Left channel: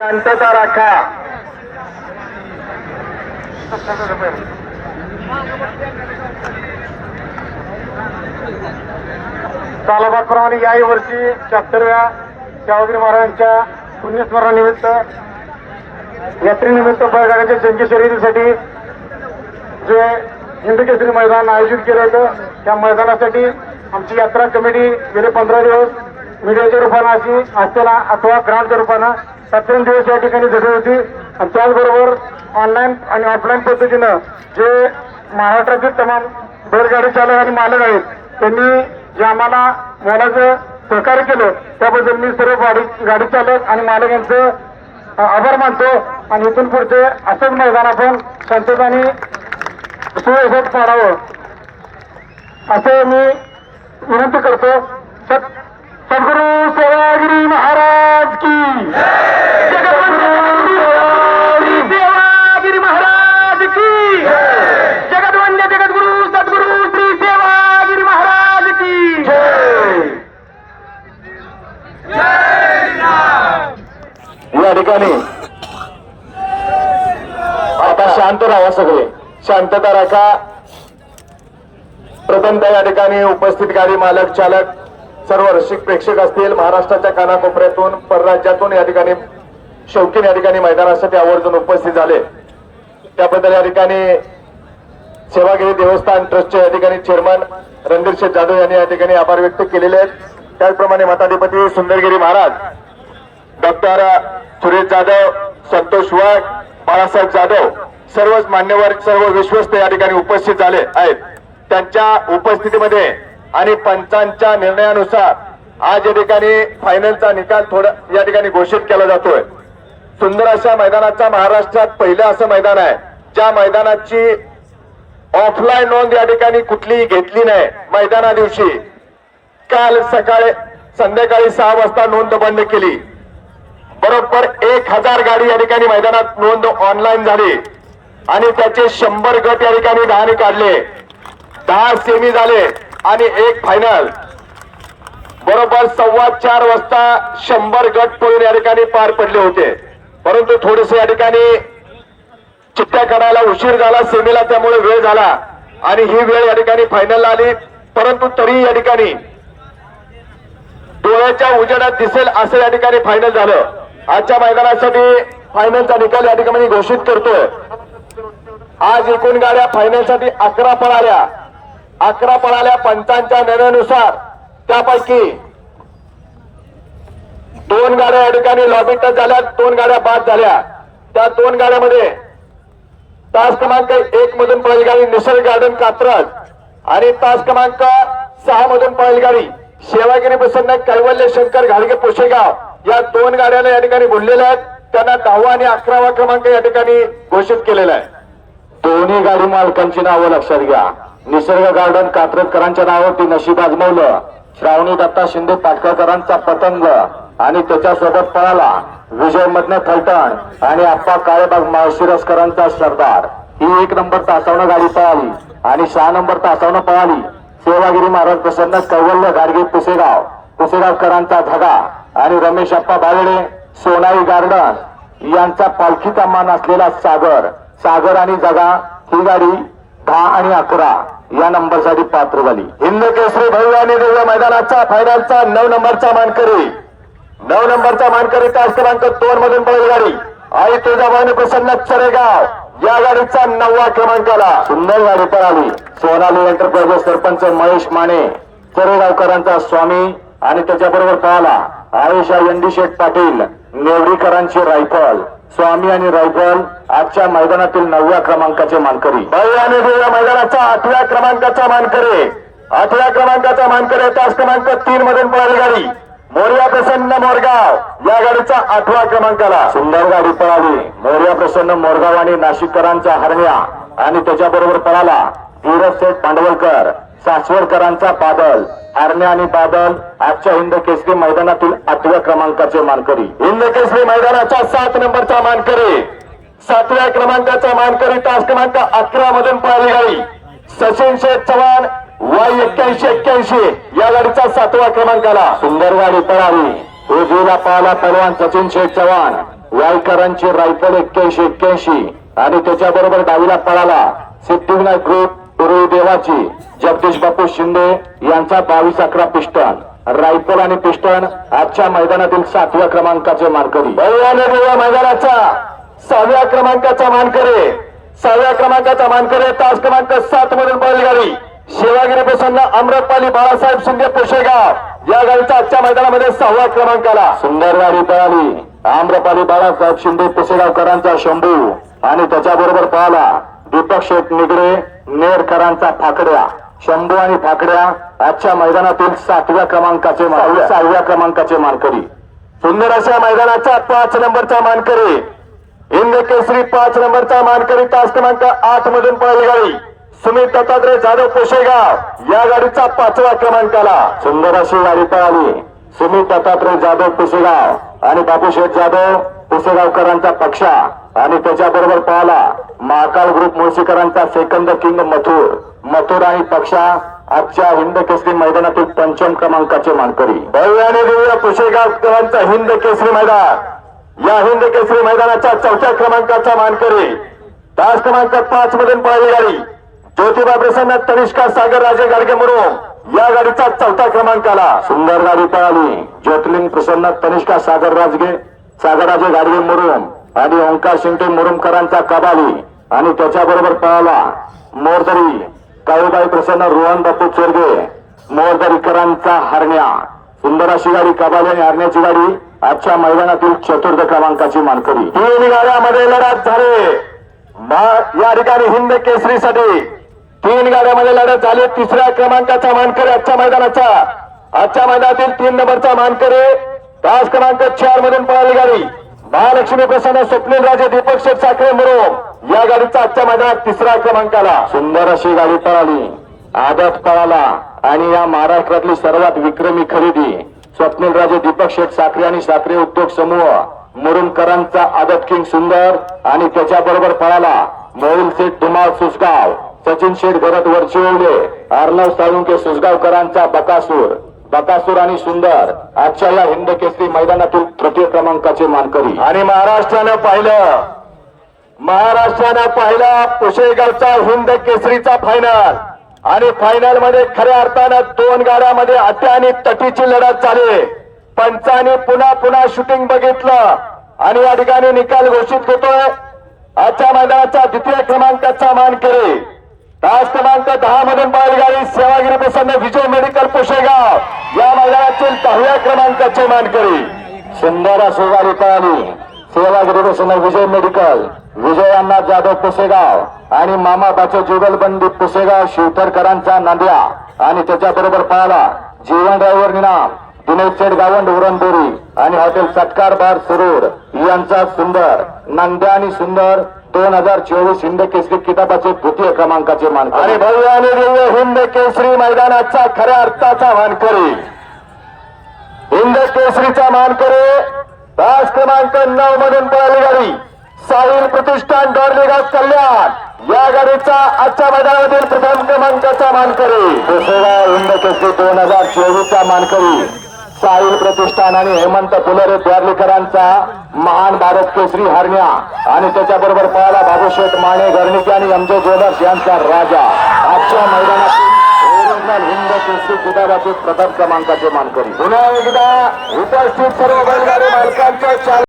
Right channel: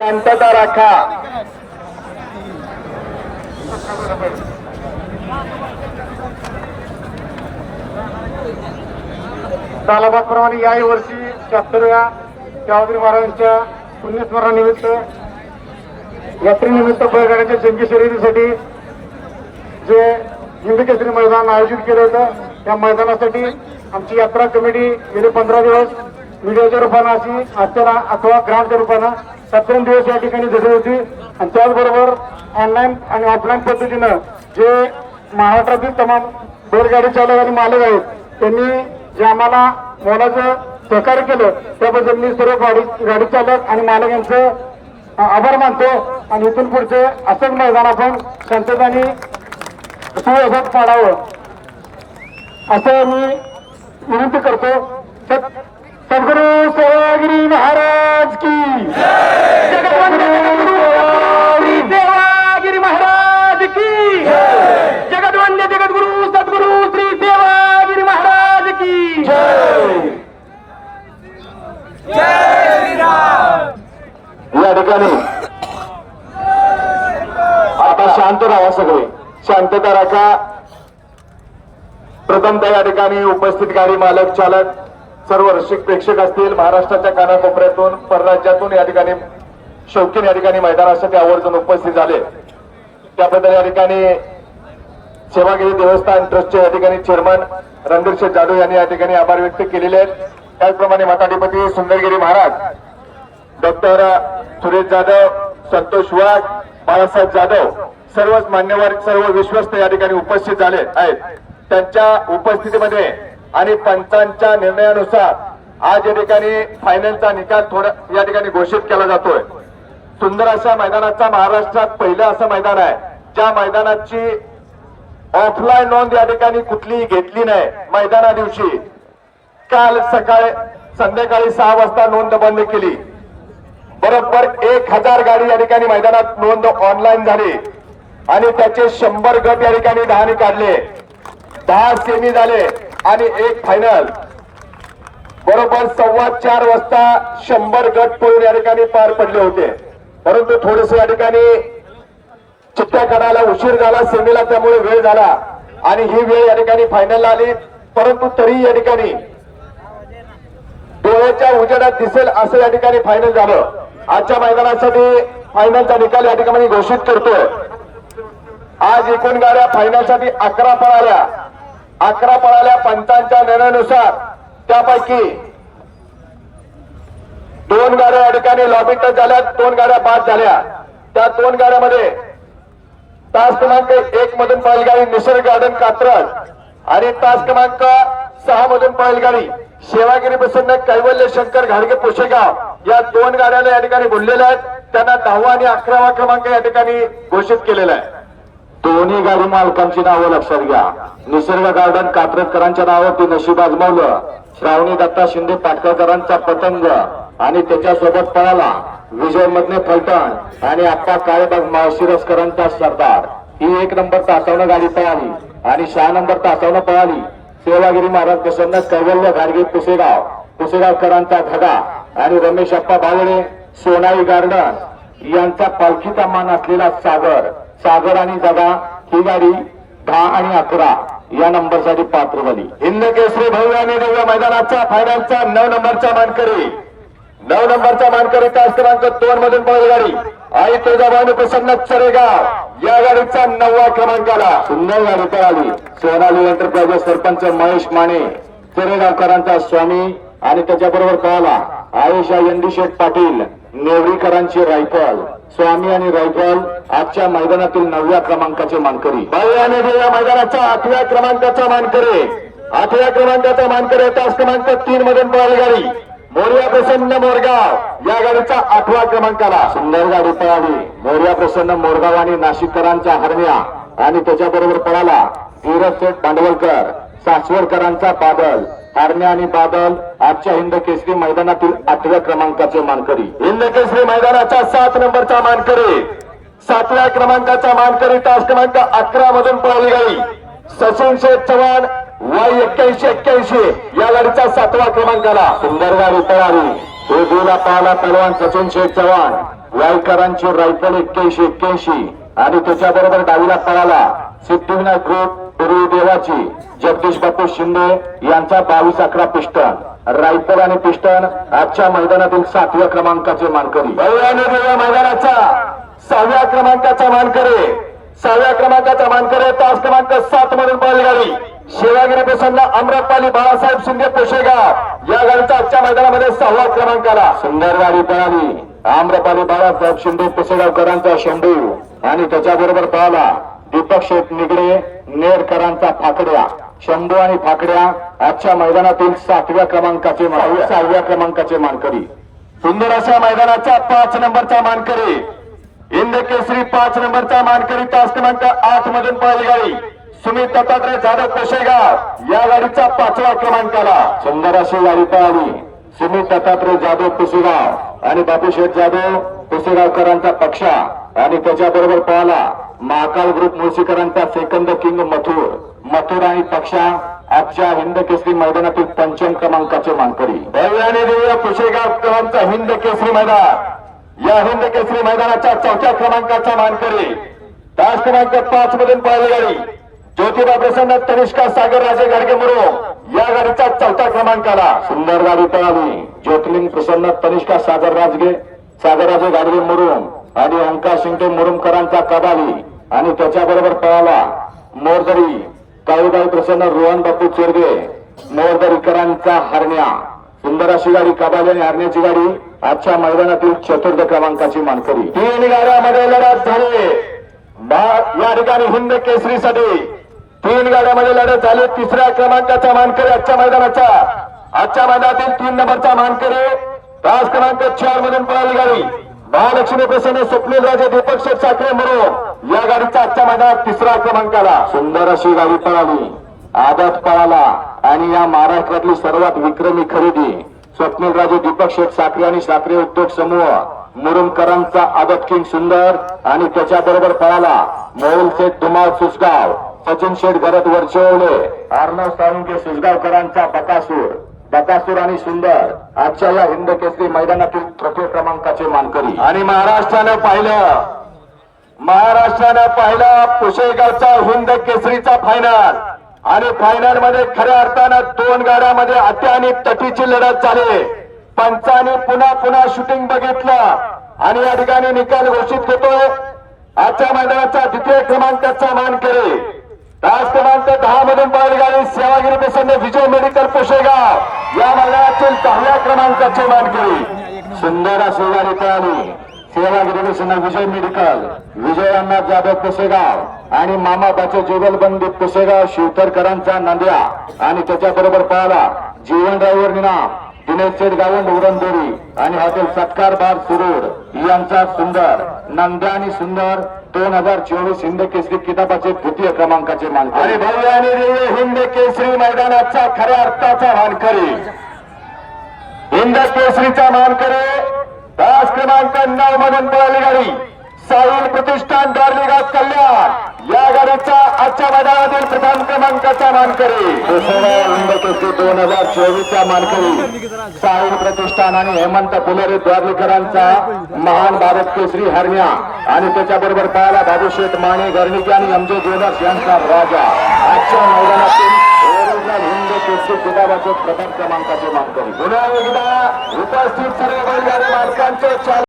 शांतता राखा. सालाबादप्रमाणे याही वर्षी शहात्तरव्या शाहूगिरी महाराजांच्या पुण्यस्मरणानिमित्त यात्रेनिमित्त बैठकांच्या जंगी शर्यतीसाठी जे हिंद केसरी मैदान आयोजित केलं होतं त्या मैदानासाठी आमची यात्रा कमिटी गेले पंधरा दिवस मीडियाच्या रूपानं अशी असताना अथवा ग्रांटच्या रूपानं सत्तर दिवस या ठिकाणी झटली होती. आणि त्याचबरोबर ऑनलाईन आणि ऑफलाईन पद्धतीनं जे महाराष्ट्रातील तमाम बैलगाडी चालक आणि मालक आहेत त्यांनी जे आम्हाला मोलाचं सहकार्य केलं त्याबद्दल मी सर्व गाडी गाडी चालक आणि मालक यांचं आभार मानतो. आणि इथून पुढचे असंच मैदान आपण संततानी सुव्यवस्थित पाडावं. असं मी विनंती करतो. सत सद्गुरू सेवागिरी महाराज की। जगद्वंद्य श्री सेवागिरी महाराज की। जगद्वंद्य जगद्गुरु सद्गुरु श्री सेवागिरी महाराज की। या ठिकाणी आता शांत राहा सगळे. शांतता राखा. प्रथमतः या ठिकाणी उपस्थित गाडी मालक चालक सर्व रसिक प्रेक्षक असतील महाराष्ट्राच्या कानाकोपऱ्यातून परराज्यातून या ठिकाणी शौकीन या ठिकाणी मैदानासाठी आवर्जून उपस्थित झाले. त्याबद्दल या ठिकाणी सेवागिरी देवस्थान ट्रस्टचे या ठिकाणी चेअरमन रणधीर शेठ जाधव यांनी या ठिकाणी आभार व्यक्त केलेले आहेत. त्याचप्रमाणे मताधिपती सुंदरगिरी महाराज डॉक्टर सुरेश जाधव संतोष वाघ बाळासाहेब जाधव सर्वच मान्यवर सर्व विश्वस्त या ठिकाणी उपस्थित झाले आहेत. त्यांच्या उपस्थितीमध्ये आणि पंचांच्या निर्णयानुसार आज या ठिकाणी फायनलचा निकाल थोडा या ठिकाणी घोषित केला जातोय. सुंदर अशा मैदानाचा महाराष्ट्रात पहिलं असं मैदान आहे ज्या मैदानाची ऑफलाईन नोंद या ठिकाणी कुठलीही घेतली नाही मैदाना दिवशी. काल सकाळी संध्याकाळी सहा वाजता नोंद बंद केली. बरोबर एक हजार गाडी या ठिकाणी मैदानात नोंद ऑनलाईन झाली. आणि त्याचे शंभर गट या ठिकाणी दहाने काढले. दहा सेमी झाले. आणि एक फायनल बरोबर सव्वा चार वाजता शंभर गट पळून या ठिकाणी पार पडले होते. परंतु थोडेसे या ठिकाणी चिठ्ठ्या काढायला उशीर झाला सेमीला त्यामुळे वेळ झाला आणि ही वेळ या ठिकाणी फायनलला आली. परंतु तरी या ठिकाणी डोळ्याच्या उजेडात दिसेल असं या ठिकाणी फायनल झालं. आजच्या मैदानासाठी फायनलचा निकाल या ठिकाणी घोषित करतोय. आज एकूण गाड्या फायनलसाठी अकरा पळाल्या. अकरा पळाल्या पंचांच्या निर्णयानुसार त्यापैकी दोन गाड्या या ठिकाणी लॉबी टच झाल्या दोन गाड्या बाद झाल्या. त्या दोन गाड्यामध्ये तास क्रमांक एक मधून पळेल गाडी निसर्ग गार्डन कात्रज आणि तास क्रमांक सहा मधून पळेल गाडी सेवागिरी प्रसन्न कैवल्य शंकर घाडगे पुशेगाव. या दोन गाड्यांना या ठिकाणी बोललेल्या आहेत. त्यांना दहावा आणि अकरावा क्रमांक या ठिकाणी घोषित केलेला आहे. दोन्ही गाडी मालकांची नावं लक्षात घ्या. निसर्ग गार्डन कात्रजकरांच्या नावावरती नशीब आजमावलं. श्रावणी दत्ता शिंदे पाटकरकरांचा पतंग आणि त्याच्यासोबत पळाला विजय मधने फलटण आणि आप्पा काळेबाग मावशिरसकरांचा सरदार. ही एक नंबर तासावणं गाडी पळाली आणि सहा नंबर तासावणं पळाली. सेवागिरी महाराज प्रसन्न कैवल्य गाडगे पुसेगाव पुसेगावकरांचा धगा आणि रमेश अप्पा भावडे सोनाई गार्डन यांचा पालखीचा मान असलेला सागर सागर आणि जगा ही गाडी दहा आणि अकरा या नंबरसाठी पात्र झाली. हिंद केसरी भव्याने दिव्य मैदानाचा फायनलचा नऊ नंबरचा मानकरी. नऊ नंबरचा मानकरी तास क्रमांक दोन मधून पळेल गाडी आई तुळजाभवानी प्रसन्न चरेगाव. या गाडीचा नववा क्रमांकाला. सुंदर गाडी पळाली. सोनाली एंटरप्राइजेस सरपंच महेश माने चरेगावकरांचा स्वामी आणि त्याच्याबरोबर पळाला. आयुषा यंदीशेठ पाटील नेवरीकरांची रायफल स्वामी आणि रायफल आजच्या मैदानातील नवव्या क्रमांकाचे मानकरी. भव्य आणि दिव्य मैदानाचा आठव्या क्रमांकाचा मानकरी. आठव्या क्रमांकाचा मानकरी तास क्रमांक तीन मधून पळाली गाडी. मोर्या प्रसन्न मोरगाव या गाडीचा आठवा क्रमांकाला. सुंदर गाडी पळाली. मोर्या प्रसन्न मोरगाव आणि नाशिककरांचा हरण्या. आणि त्याच्याबरोबर पळाला धीरज शेठ भांडवलकर सासवडकरांचा बादल हरण्या आणि बादल आजच्या हिंद केसरी मैदानातील आठव्या क्रमांकाचे मानकरी. हिंद केसरी मैदानाचा सात नंबरचा मानकरी. सातव्या क्रमांकाचा मानकरी तास क्रमांक अकरा मधून पळाली गाडी. सचिन शेठ चव्हाण वाय एक्क्याऐंशी एक्क्याऐंशी या गाडीचा सातवा क्रमांकाला. सुंदर गाडी पळाली. हे गेला पाहला पहलवान सचिन शेठ चव्हाण वाईकरांची रायफल एक्क्याऐंशी एक्क्याऐंशी आणि त्याच्याबरोबर डावीला पळाला सिद्धिविनायक ग्रुप देवाची जगदीश बापू शिंदे यांचा बावीस अकरा पिस्टन रायफल आणि पिस्टन आजच्या मैदानातील सातव्या क्रमांकाचे मानकरी. दिव्या मैदानाचा सहाव्या क्रमांकाचा मानकरी. सहाव्या क्रमांकाचा मानकरी तास क्रमांक सात मधून बैलगाडी शिवागिरी प्रसन्न अमृतपाली बाळासाहेब शिंदे पोशेगाव. या गाडीचा आजच्या मैदानामध्ये सहाव्या क्रमांकाला. सुंदर गाडी पळाली आम्रपाली बाळासाहेब शिंदे पुसेगावकरांचा शंभू. आणि त्याच्याबरोबर पळाला दीपक शेठ निगडे नेरकरांचा फाकड्या. शंभू आणि फाकड्या आजच्या मैदानातील सातव्या क्रमांकाचे सहाव्या. क्रमांकाचे मानकरी. सुंदर अशा मैदानाचा पाच नंबरचा मानकरी. हिंद केसरी पाच नंबरचा मानकरी तास क्रमांक आठ मधून पळाली गाडी. सुमित दत्तात्रय जाधव पोशेगाव या गाडीचा पाचवा क्रमांकाला. सुंदर अशी गाडी पळाली. सुमित दत्तात्रय जाधव पुसेगाव आणि बापूशेठ जाधव पुसेगावकरांचा पक्षा आणि त्याच्याबरोबर पळाला महाकाल ग्रुप मुळशीकरांचा सेकंद किंग मथुर. मथुर आणि पक्षा आजच्या हिंद केसरी मैदानातील पंचम क्रमांकाचे मानकरी. भव्य आणि दिव्य कुशेगावकरांचा हिंद केसरी मैदान. या हिंद केसरी मैदानाच्या चौथ्या क्रमांकाचा मानकरी. तास क्रमांक पाच मधून पळाली गाडी. ज्योतिबा प्रसन्न तनिष्का सागर राजे गाडगे मुरुम या गाडीचा चौथ्या क्रमांकाला. सुंदर गाडी पळाली. ज्योतिलिंग प्रसन्न तनिष्का सागर राजगे सागराचे गाडगे मुरुम आणि ओंकार शिंदे मुरुमकरांचा कबाली आणि त्याच्याबरोबर पळाला मोरदरी काळूबाई प्रसन्न रोहन बापू चोरगे मोरदरीकरांचा हरण्या. सुंदर अशी गाडी कबाली आणि हरण्याची गाडी आजच्या मैदानातील चतुर्थ क्रमांकाची मानकरी. तीन गाड्यामध्ये लढत झाली. बा- या ठिकाणी हिंद केसरीसाठी तीन गाड्यामध्ये लढत झाली. तिसऱ्या क्रमांकाचा मानकरी आजच्या मैदानाचा आजच्या मैदानातील तीन नंबरचा मानकरी तास क्रमांक चार मधून पळाली गाडी. महालक्ष्मी प्रसन्न स्वप्नील राजे दीपक शेठ साखरे मरो. या गाडीचा आजच्या मैदानात तिसरा क्रमांकाला. सुंदर अशी गाडी पळाली. आदत पळाला. आणि या महाराष्ट्रातली सर्वात विक्रमी खरेदी स्वप्नील राजे दीपक शेठ साखरे आणि साखरे उद्योग समूह मुरुमकरांचा आदत किंग सुंदर आणि त्याच्याबरोबर पळाला मोहुल शेठ धुमाळ सुसगाव. सचिन शेठ भरत वरचिवले अर्णव साळुंके सुसगावकरांचा बकासूर. बकासूर आणि सुंदर आजच्या या हिंद केसरी मैदानातील तृतीय क्रमांकाचे मानकरी. आणि महाराष्ट्रानं पाहिलं महाराष्ट्रानं पाहिला पुशेगावचा हिंद केसरीचा फायनल आणि फायनलमध्ये खऱ्या अर्थानं दोन गाड्यामध्ये अटी आणि तटीची लढत झाली. पंचाने पुन्हा पुन्हा शूटिंग बघितलं. आणि या ठिकाणी निकाल घोषित होतोय. आजच्या मैदानाचा द्वितीय क्रमांकाचा मानकरी. तास क्रमांक दहा मधून गाडी सेवागिरी प्रसन्न विजय मेडिकल पुशेगाव या मैदानातील दहाव्या क्रमांकाची मानकरी सुंदर अशी गाडी पळाली. सेवागिरी प्रसन्न विजय मेडिकल विजयांना जाधव पुसेगाव आणि मामा बाचे जुगलबंदी पुसेगाव शिवतरकरांचा नांद्या. आणि त्याच्याबरोबर पळाला जीवन निनाम दिनेश शेठ गावंड उरणबोरी आणि हॉटेल सत्कार बार सुरूर. यांचा सुंदर नांद्या आणि सुंदर दोन हजार चोवीस हिंद केसरी किताबाचे तृतीय क्रमांकाचे आणि मानकरी भव्य आणि दिव्य हिंद केसरी मैदानाचा खऱ्या अर्थाचा मानकरी. हिंद केसरीचा मानकरी तास क्रमांक नऊ मधून पळाली गाडी. साहिल प्रतिष्ठान डॉर्लेगाव कल्याण. या गाडीचा आजच्या मैदानामधील प्रथम क्रमांकाचा मानकरी. हिंद केसरी दोन हजार चोवीसचा मानकरी. साहिल प्रतिष्ठान आणि हेमंत फुलरे द्वारलेकरांचा महान भारत केसरी हरण्या आणि त्याच्याबरोबर पळाला बाबूशेठ माने घरणिके आणि एमजे ज्वेलर्स यांचा राजा. आजच्या मैदानातील ओरिजिनल हिंद केसरी किताबाचे प्रथम क्रमांकाचे मानकरी. पुन्हा एकदा उपस्थित सर्व बैलगाडी मालकांचे